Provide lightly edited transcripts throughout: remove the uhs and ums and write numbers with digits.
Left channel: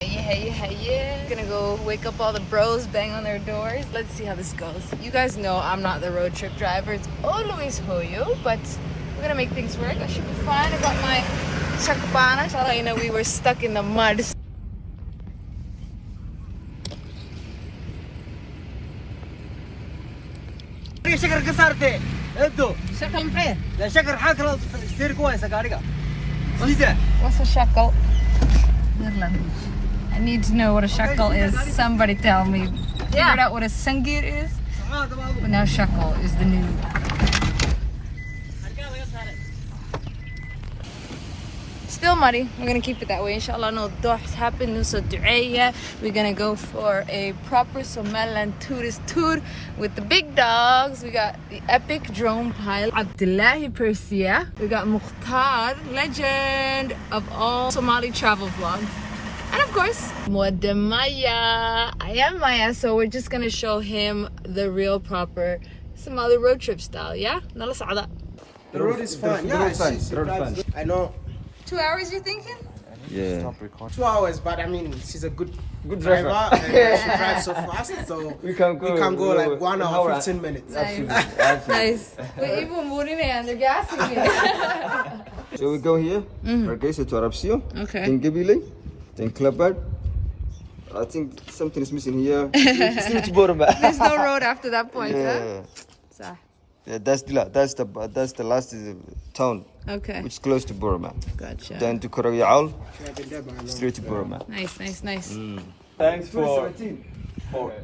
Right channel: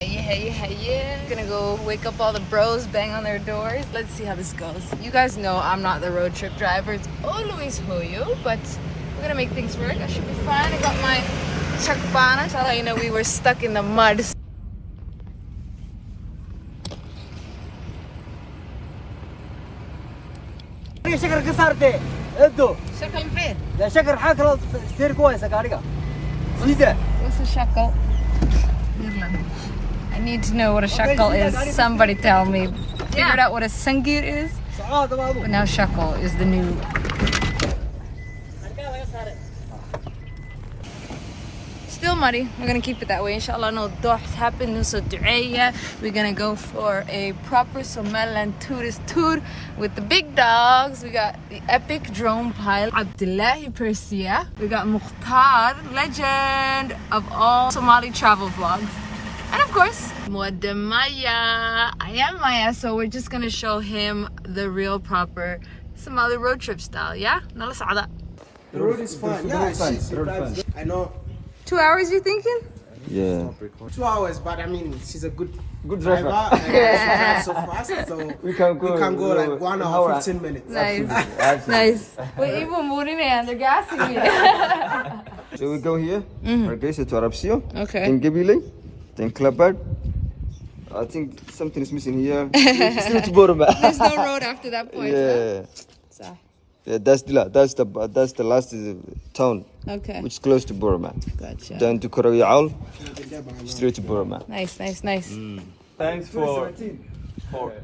Hey. Gonna go wake up all the bros, bang on their doors. Let's see how this goes. You guys know I'm not the road trip driver. It's always Hoyo, but we're gonna make things work. I should be fine. I got my chakbana. That's how you know we were stuck in the mud. شكر كسرتي ادو شكل محير. لا شكر حاكر ستير كويس قاريقه What's a shekel? I need to know what a shekel is. Somebody tell me. Figured out what a sangir is, but now shekel is the new. Still muddy. We're gonna keep it that way. Inshallah, no dohs happen. So du'aya. We're gonna go for a proper Somaliland tourist tour with the big dogs. We got the epic drone pilot Abdilaahi Persia. We got Mukhtar, legend of all Somali travel vlogs. And of course, Wode Maya. I am Maya, so we're just gonna show him the real proper Somali road trip style. Yeah? The road is fine. Yeah, I know. 2 hours, you thinking? Yeah. 2 hours, but I mean, she's a good driver. And she drives so fast, so we can go like 1 hour, 15 minutes. Nice. We're even moving and they're gassing me. So we go here, Hargeisa to Arabsio, Okay. then Gibile, then Klabad. I think something is missing here. Still to Borama. There's no road after that point, Yeah. huh? Yeah, that's Dilla. That's the last town, Okay. which is close to Borama. Gotcha. Then to Korayaal, straight to Borama. Nice. Thanks for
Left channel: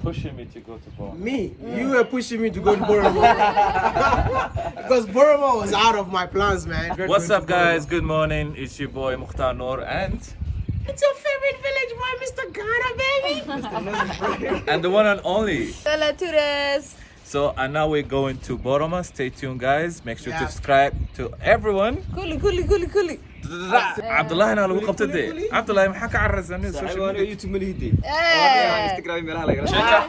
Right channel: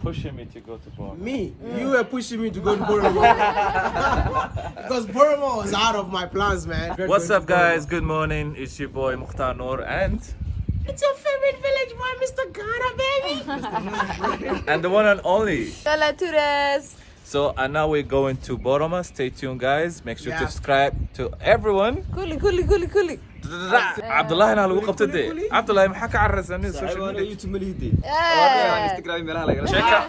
pushing me to go to Borama. Me? You were pushing me to go to Borama. Because Borama was out of my plans, man. What's up, guys? Good morning. It's your boy Mukhtar Nuur and It's your favorite village boy, Mr. Ghana, baby. and the one and only. Hola, tourists. So and now we're going to Borama. Stay tuned, guys. Make sure to Yeah. subscribe to everyone. Kuli. Abdilaahi na lagu qabtay de. Abdilaahi maxaa ka carraysan in social media? YouTube malihidi. Yeah. Instagram meelaha laga. Check out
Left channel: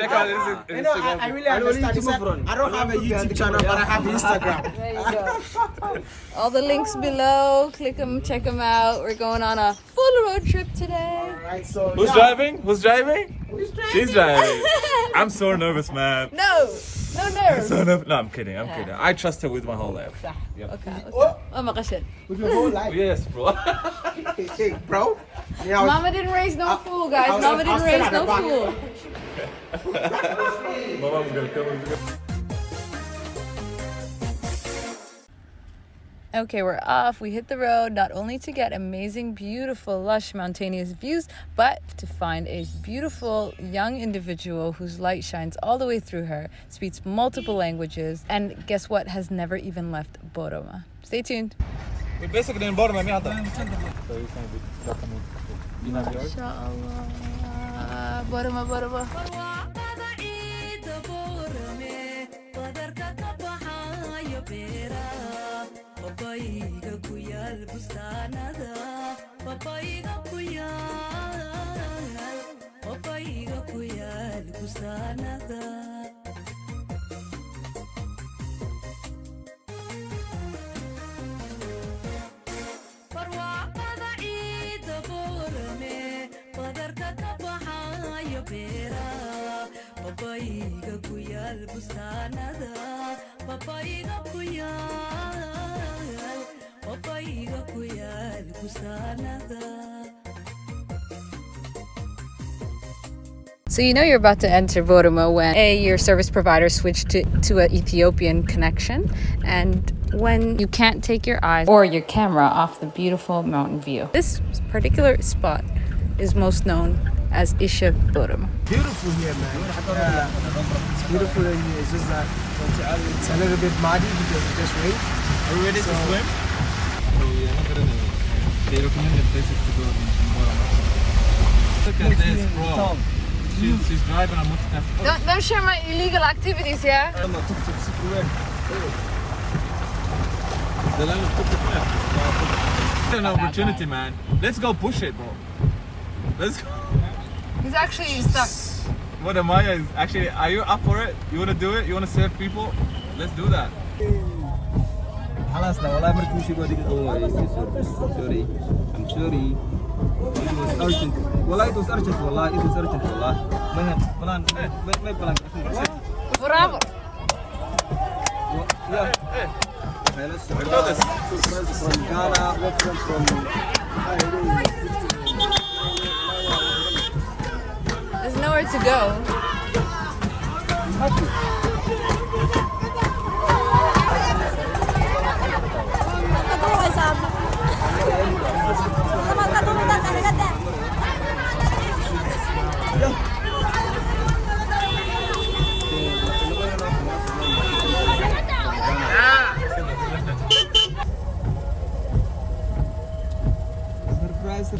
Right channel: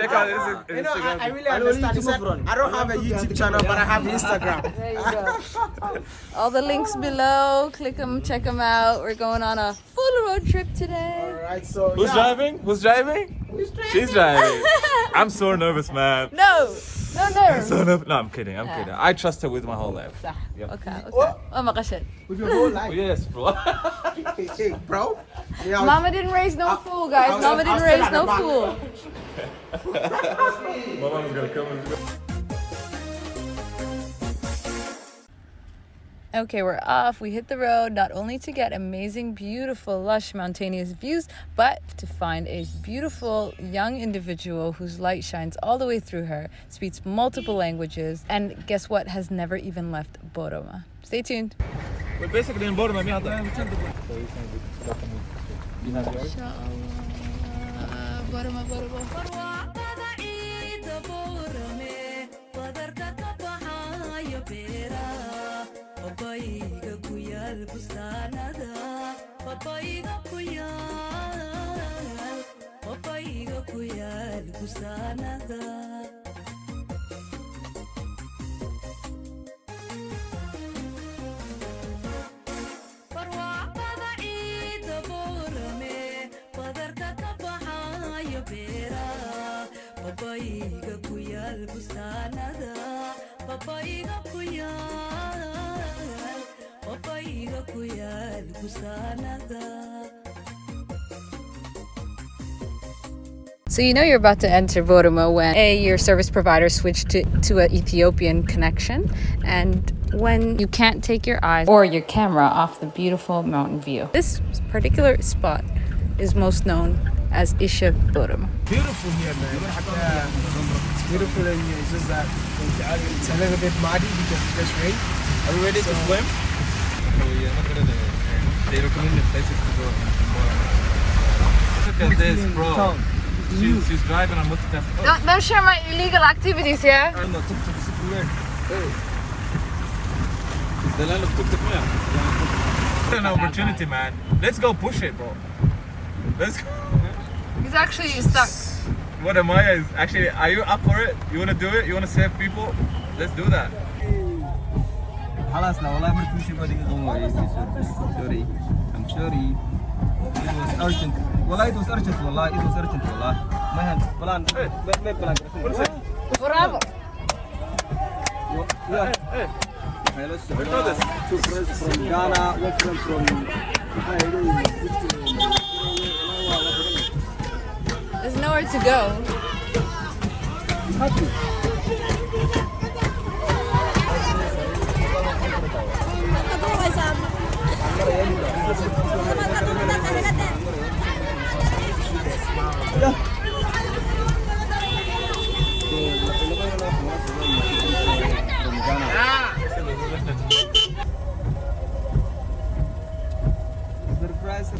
check out his You know, Instagram. I really understand. He said, I don't have a YouTube channel, but I have Instagram. There you go. All the links below. Click them, check them out. We're going on a full road trip today. Alright, so Who's driving? Who's driving? She's driving. I'm so nervous, man. No nerves. So nervous. No, I'm kidding. I trust her with my whole life. صح. Yep. Okay. Oh my gosh. with your whole life. Yes, bro. Hey, bro. Yeah, Mama didn't raise no fool, guys. I was- Mama I didn't was raise still no at the fool. My mom's gonna come and Okay, we're off. We hit the road not only to get amazing, beautiful, lush, mountainous views, but to find a beautiful young individual whose light shines all the way through her, speaks multiple languages, and guess what? Has never even left Borama. Stay tuned. basically in Borama. Inshallah. Borama. Papaiga kuyal bustanada, papaiga kuyal bustanada. Barwaqada ciida Borame, badarka ka baxaya beera, papaiga kuyal bustanada, papaiga kuyal bustanada. So you know you're about to enter Borama when your service provider switched to an Ethiopian connection, and when you can't take your eyes or your camera off the beautiful mountain view. This particular spot is most known as Isha Borama. beautiful here, man. It's beautiful and it's just that it's a little bit muddy because it just rained. Are we ready to swim? They recommend the places to go in Borama. Look at this, bro. She's driving a motorcycle. Don't share my illegal activities, yeah? The land of tuk-tuk. It's an opportunity, man. Let's go push it, bro. Let's go. He's actually stuck. What Amaya is actually, are you up for it? You want to do it? You want to save people? Let's do that. خلاص لا والله ما تمشي بودي. Sorry. I'm sorry. It was urgent. والله it was urgent والله it was urgent والله. ما بلان. Bravo. Yeah. Hello, from Ghana. Welcome from. There's nowhere to go.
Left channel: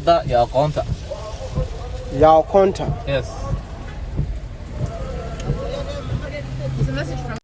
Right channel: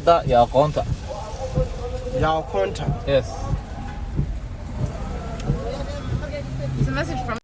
That your contact. Your contact. Yes. It's a message from.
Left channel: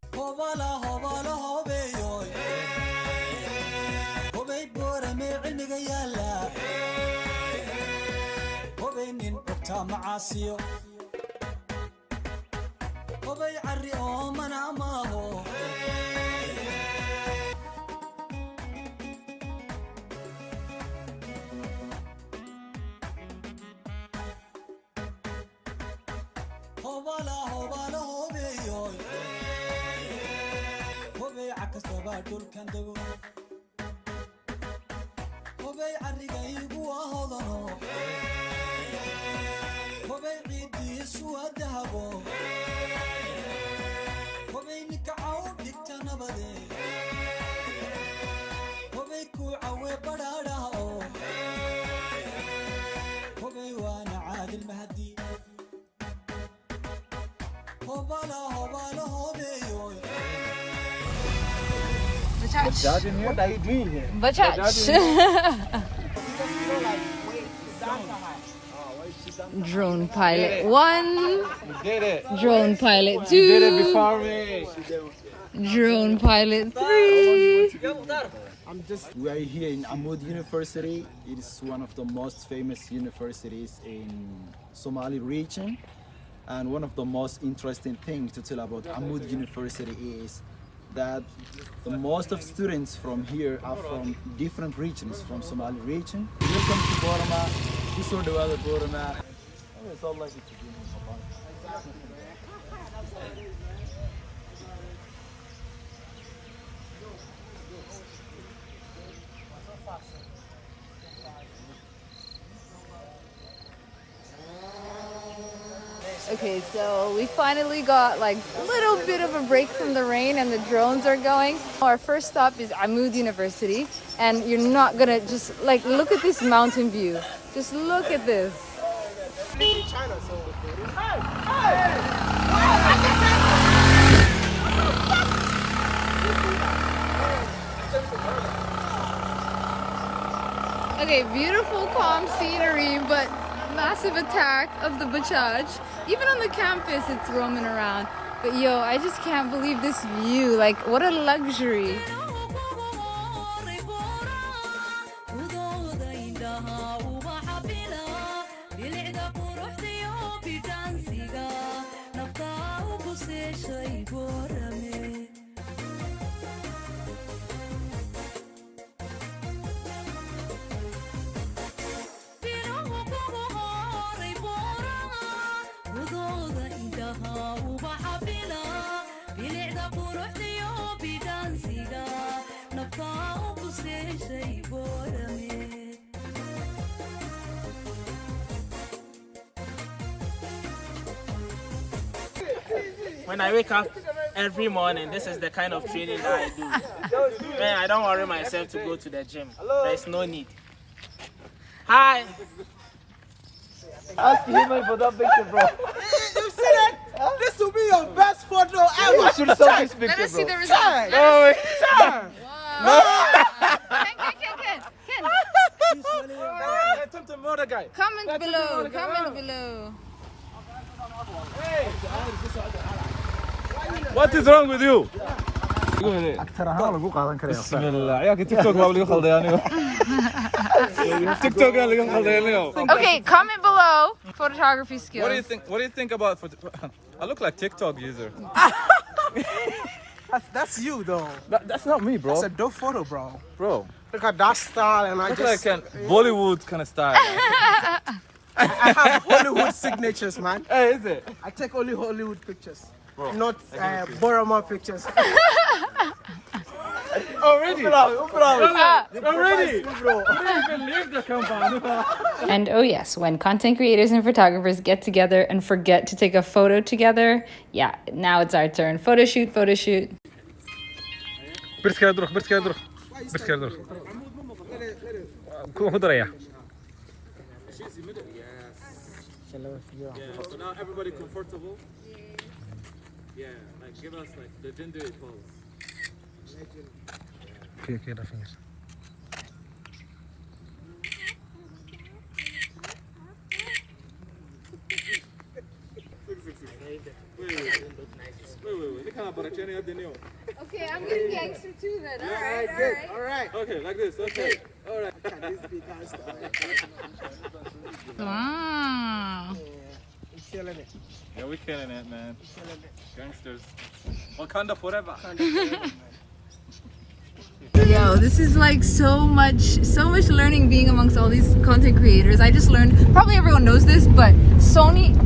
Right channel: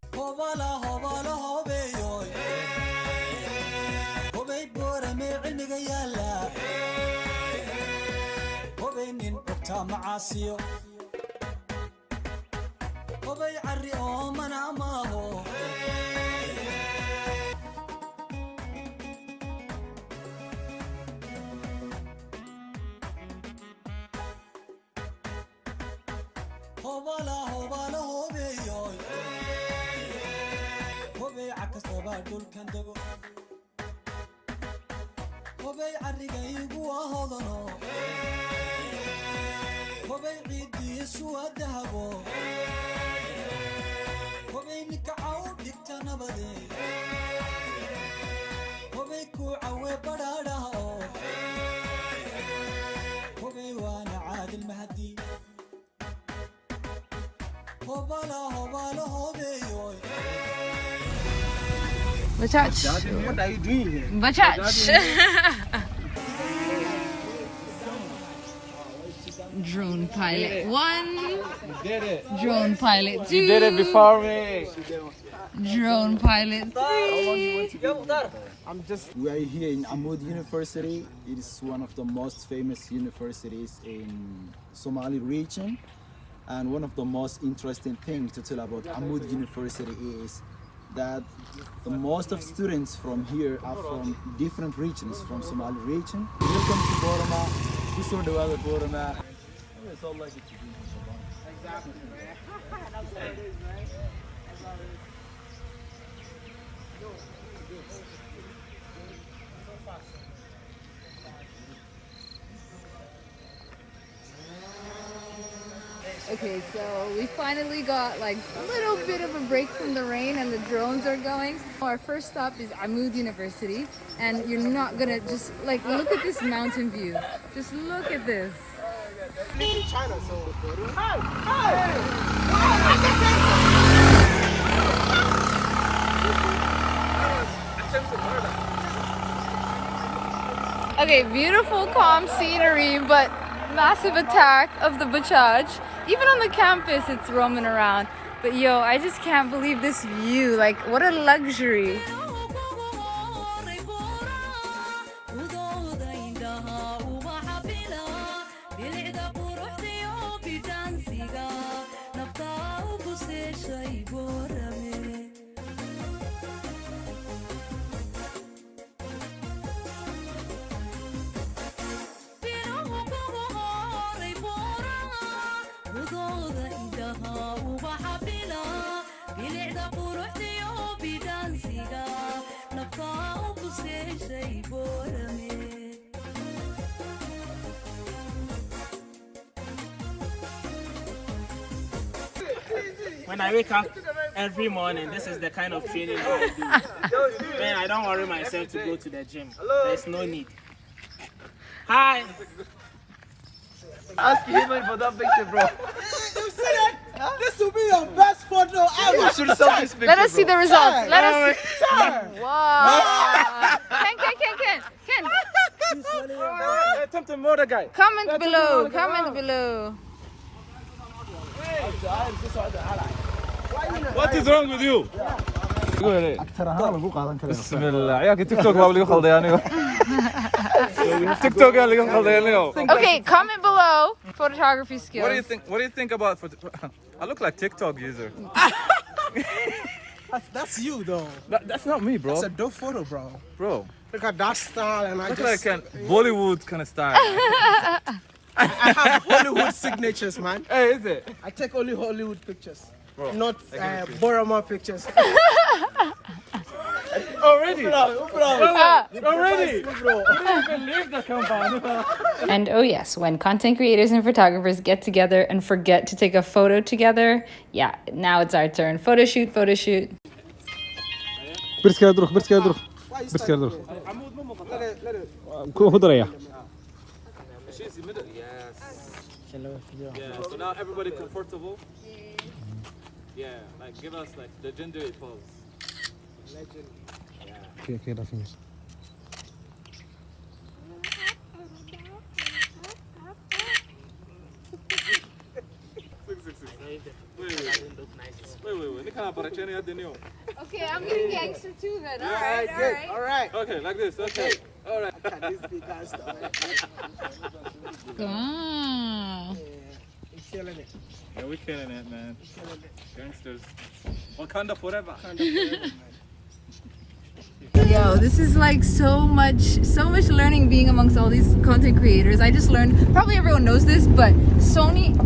Bachach. What are you doing here? Bachach. Drone pilot 1. You did it. Drone pilot 2. You did it before me. Drone pilot 3. We are here in Amoud University. It is one of the most famous universities in Somali region. And one of the most interesting things to tell about Amoud University is that the most of students from here are from different regions from Somali region. Welcome to Borama. We saw the weather Borama. Okay, so we finally got like a little bit of a break from the rain and the drones are going. Our first stop is Amoud University, and you're not gonna just like look at this mountain view. Just look at this. In China, so. Okay, beautiful calm scenery, but massive attack of the Bachaj. Even on the campus, it's roaming around. But yo, I just can't believe this view. Like, what a luxury. When I wake up every morning, this is the kind of training that I do. Man, I don't worry myself to go to the gym. There's no need. Hi. Ask him for that picture, bro. You see that? This will be your best photo ever. Let us see the results. Let us see. Wow. Ken. Comment below. Comment below. What is wrong with you? أكثر هذا لو قاعد نكره. بسم الله عيالك تيك توك ما بلي خلدي يعني So we have to TikTok go. Okay, comment below photography skills. What do you think? What do you think about I look like TikTok user. That's you though. That's not me, bro. It's a dope photo, bro. Bro, Look at that style, and I look just like an Bollywood kind of style. I have Hollywood signatures, man. Hey, is it? I take only Hollywood pictures, Bro, not I give it to you. Borama pictures. Already. And oh yes, when content creators and photographers get together and forget to take a photo together, yeah, now it's our turn. Photo shoot, photo shoot. She's in the middle. Yes. Yeah. So now everybody comfortable. Yeah. Like give us like the gender pose. Okay, that finish. Okay, I'm getting gangster too then. All right. Okay, like this. Okay. All right. This big guy stuff. Mm. We're killing it. Yeah, we're killing it, man. We're killing it. Gangsters. Wakanda forever. Kind of forever, man. Yo, this is like so much learning being amongst all these content creators. I just learned, probably everyone knows this, but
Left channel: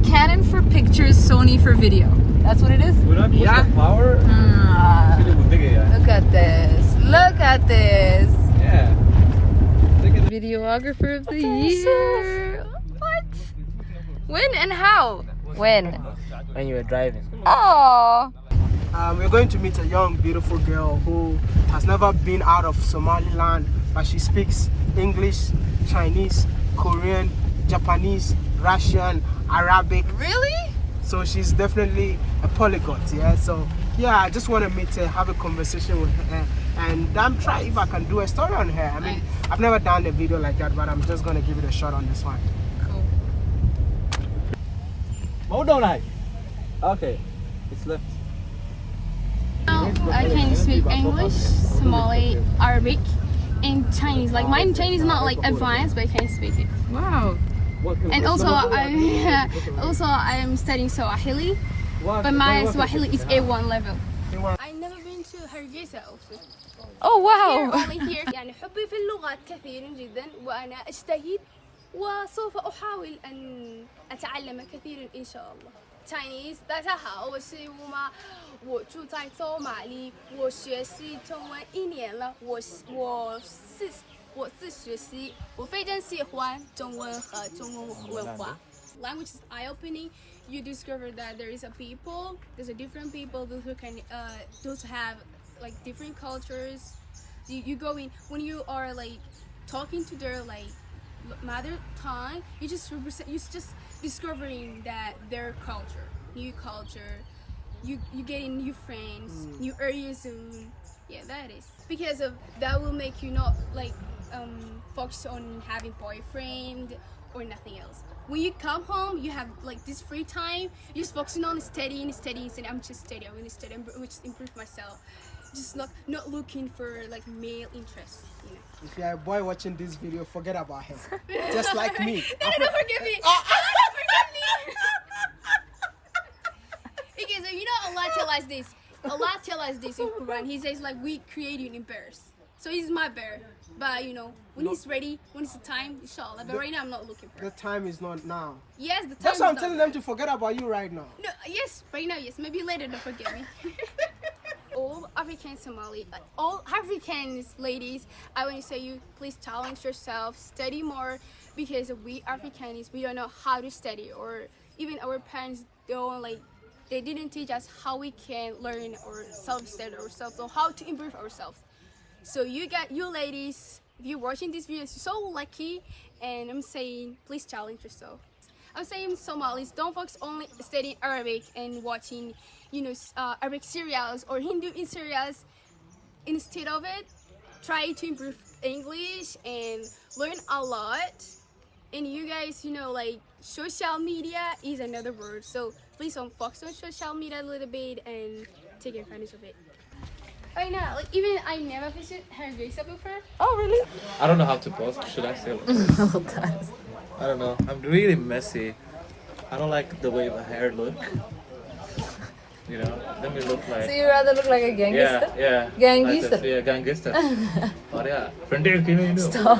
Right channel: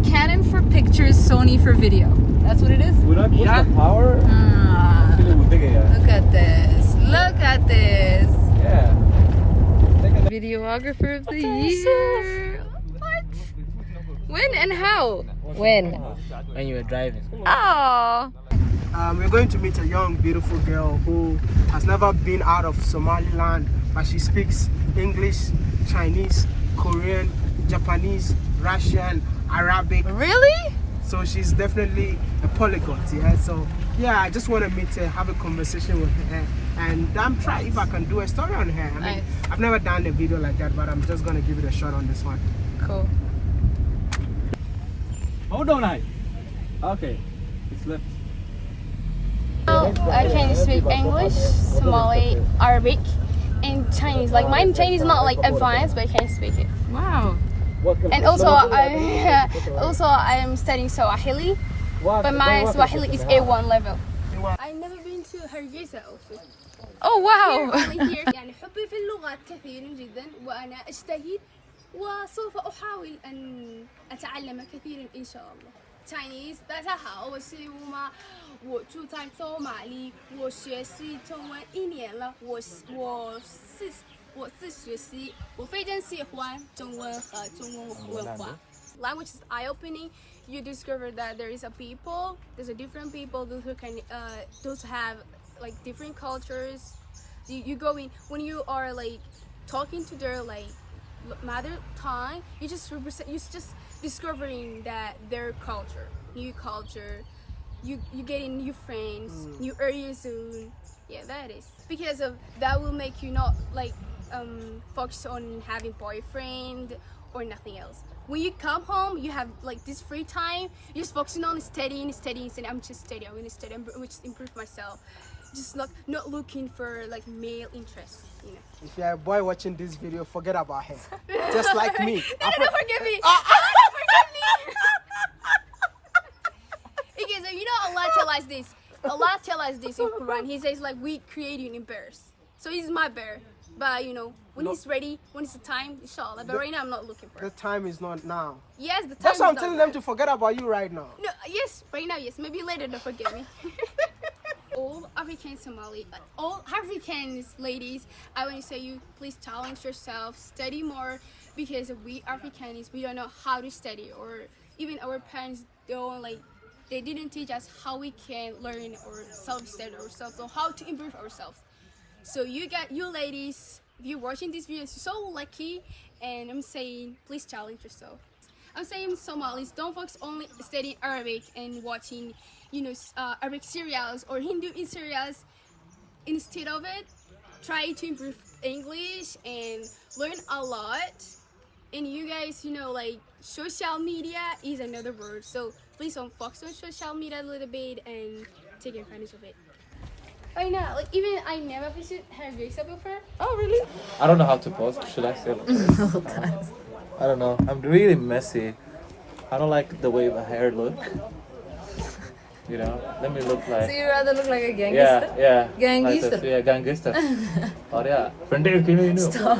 Canon for pictures, Sony for video. That's what it is? Yeah. Power. Look at this. Look at this. Yeah. Videographer of the year. What? When and how? When? When you were driving. Oh. We're going to meet a young, beautiful girl who has never been out of Somaliland, but she speaks English, Chinese, Korean, Japanese, Russian, Arabic. Really? So she's definitely a polyglot, yeah. So yeah, I just want to meet her, have a conversation with her, and try if I can do a story on her. I mean, Nice. I've never done a video like that, but I'm just gonna give it a shot on this one. Cool. Hold on, okay. It's left. I can speak English, Somali, Arabic, and Chinese. Like my Chinese is not like advanced, but I can speak it. Wow. And also I am studying Swahili, but my Swahili is A1 level. I've never been to Hargeisa also. Oh wow. Only here. يعني حبي في اللغات كثير جدا وأنا أجتهد وسوف أحاول أن أتعلم كثيرا إن شاء الله. Chinese， 大家好，我是乌妈，我住在索马里，我学习中文1年了，我自学习，我非常喜欢中文和中文文化。Language is eye-opening. You discover that there's a different people those who can, those have like different cultures. You go in when you are like talking to their like mother tongue. You just discovering that their culture, new culture, you getting new friends, new areas soon. Yeah, that is because of that will make you not like focus on having boyfriend or nothing else. When you come home, you have like this free time. You're just focusing on studying. And I'm just studying. I'm gonna study. I'm gonna just improve myself. Just not looking for like male interest, you know. If you're a boy watching this video, forget about her. Just like me. Don't forgive me. Okay, so you know Allah tell us this. Allah tell us this in Quran. He says like we create you in bears. So he's my bear. But you know, when he's ready, when it's the time, inshallah. But right now I'm not looking for The it. time is not now. Yes, the time That's why I'm is telling not them to forget about you right now. No, yes, right now, yes. Maybe later, don't forget me. All African Somali, all Africans, ladies, I want to say you, please challenge yourself, study more, because we Africans, we don't know how to study, or even our parents don't they didn't teach us how we can learn or self-study ourselves, or how to improve ourselves. So you ladies, if you're watching this video, you're so lucky, and I'm saying, please challenge yourself. I'm saying Somalis, don't focus only studying Arabic and watching, Arabic serials or Hindu in serials. Instead of it, try to improve English and learn a lot. And you guys, social media is another word. So please don't focus on social media a little bit and take advantage of it. I know, like even I never visited Hargeisa before. Oh, really? I don't know how to pose. Should I say? I don't know. I'm really messy. I don't like the way my hair look. You know, let me look like. So you rather look like a gangster? Yeah. Gangster. Like yeah, gangster. Oh yeah. Friend, you know. Stop.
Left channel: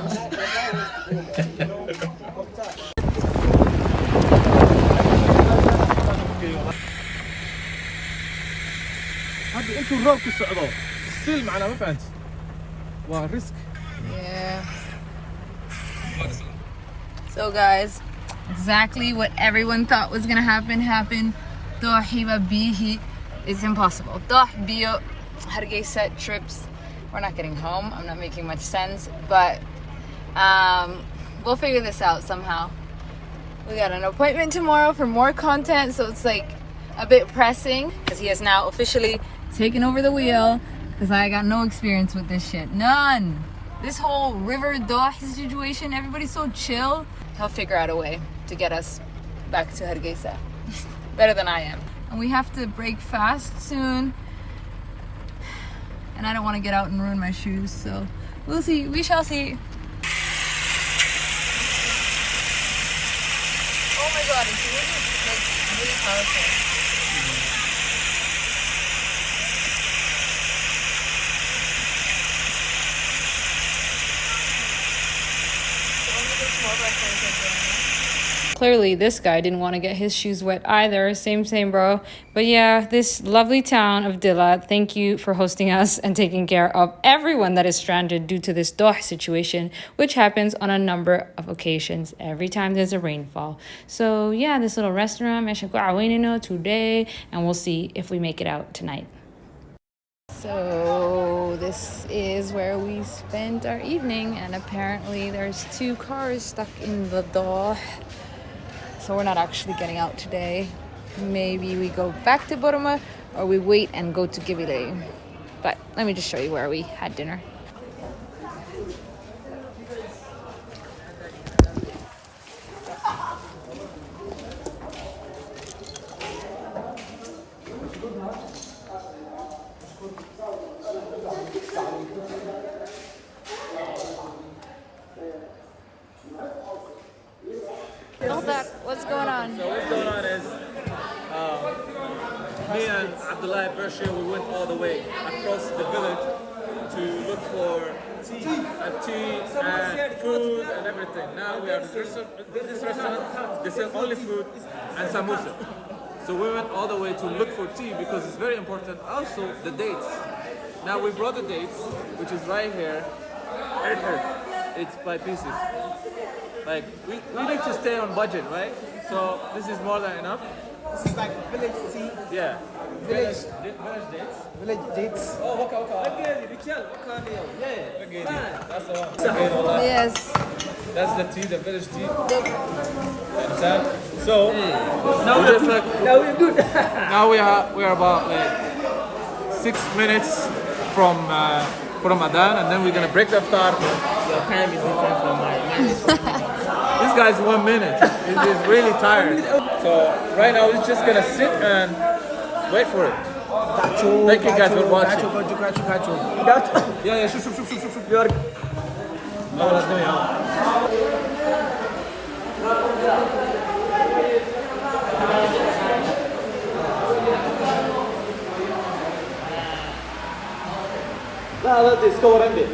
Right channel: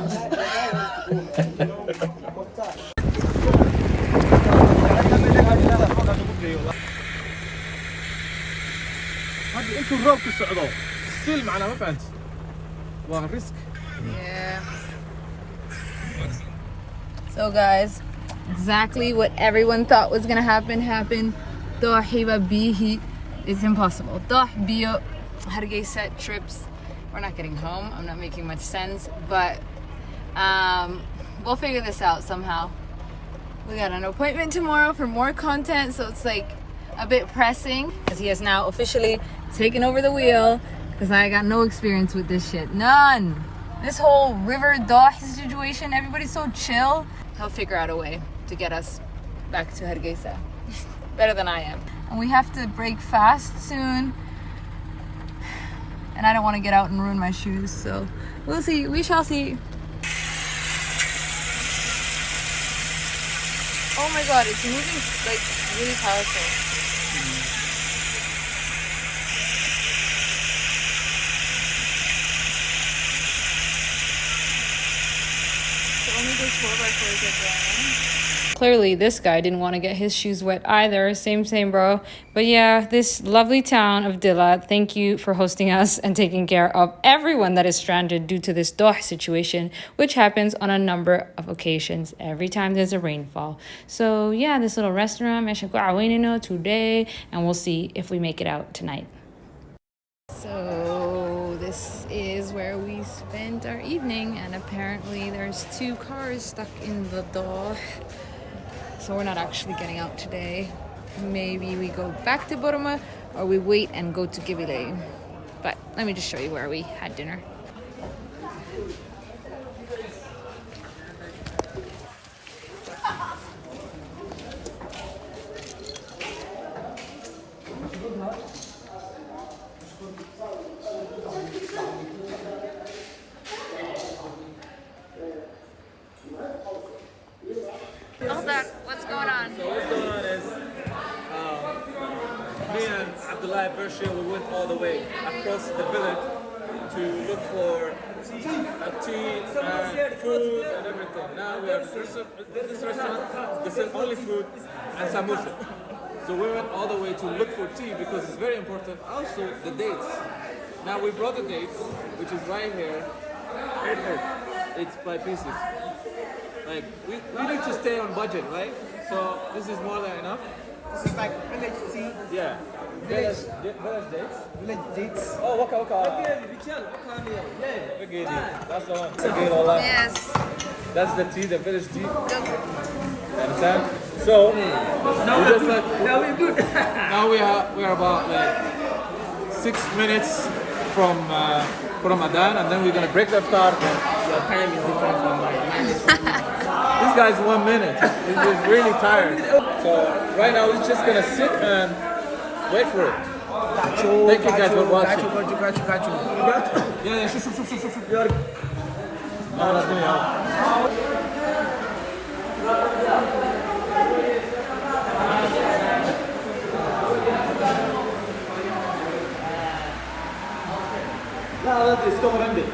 هذا انتوا الروب كالصعدة ستيل معنا ما فهمت وريسك. Yeah. So guys, exactly what everyone thought was gonna happen happened. Dohiba bihi. It's impossible. Doh bio Hargeisa trips. We're not getting home. I'm not making much sense, but we'll figure this out somehow. We got an appointment tomorrow for more content, so it's like a bit pressing because he has now officially taken over the wheel because I got no experience with this shit. None. This whole river Doh situation, everybody's so chill. He'll figure out a way to get us back to Hargeisa. Better than I am. And we have to break fast soon. And I don't want to get out and ruin my shoes, so we'll see. We shall see. Oh my god, it's moving like really powerful. Clearly this guy didn't want to get his shoes wet either. Same bro. But yeah, this lovely town of Dilla, thank you for hosting us and taking care of everyone that is stranded due to this Doh situation, which happens on a number of occasions every time there's a rainfall. So yeah, this little restaurant today, and we'll see if we make it out tonight. So this is where we spent our evening, and apparently there's 2 cars stuck in the Doh. So we're not actually getting out today. Maybe we go back to Borama or we wait and go to Gibile. But let me just show you where we had dinner. What's going on? So what's going on is me and Abdilaahi Persia, we went all the way across the village to look for tea and food and everything. Now we are in this restaurant, they sell only food and samosa. So we went all the way to look for tea because it's very important. Also the dates. Now we brought the dates, which is right here. It's by pieces. Like we need to stay on budget, right? So this is more than enough. This is like village tea. Yeah. Village dates. Village dates. Oh, waka. Yeah. That's the one. Yes. That's the tea, the village tea. You understand? So we just like now we're good. Now we are about like 6 minutes from Ramadan, and then we're gonna break the iftar. Your time is different from mine. Mine is 1 minute. This guy's 1 minute. He's really tired. So right now we're just gonna sit and wait for it. Thank you guys for watching. Yeah, shoot. No, let's do it. لا تستور عندي.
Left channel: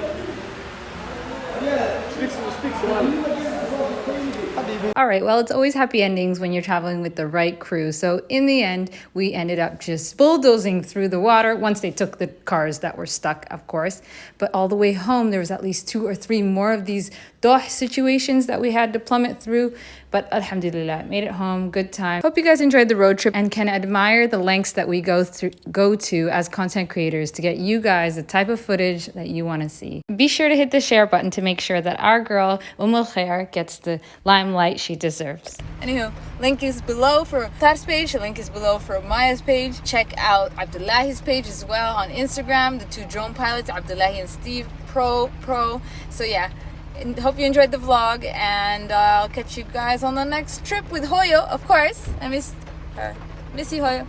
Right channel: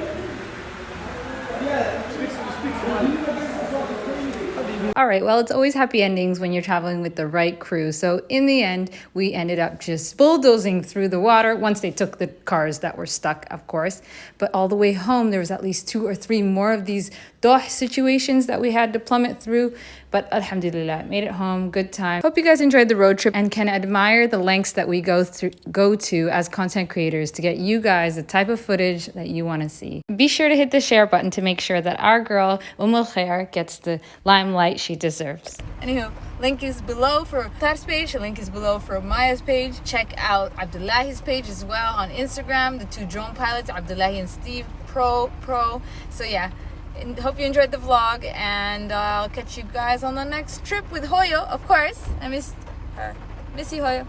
All right, well, it's always happy endings when you're traveling with the right crew. So in the end, we ended up just bulldozing through the water once they took the cars that were stuck, of course. But all the way home, there was at least 2 or 3 more of these Doh situations that we had to plummet through. But alhamdulillah, made it home, good time. Hope you guys enjoyed the road trip and can admire the lengths that we go to as content creators to get you guys the type of footage that you want to see. Be sure to hit the share button to make sure that our girl Khair gets the limelight she deserves. Anywho, link is below for Mukhtar's page, the link is below for Maya's page. Check out Abdilaahi's page as well on Instagram, the 2 drone pilots, Abdilaahi and Steve Pro. So yeah, hope you enjoyed the vlog, and I'll catch you guys on the next trip with Hoyo, of course. I miss her. Miss you, Hoyo.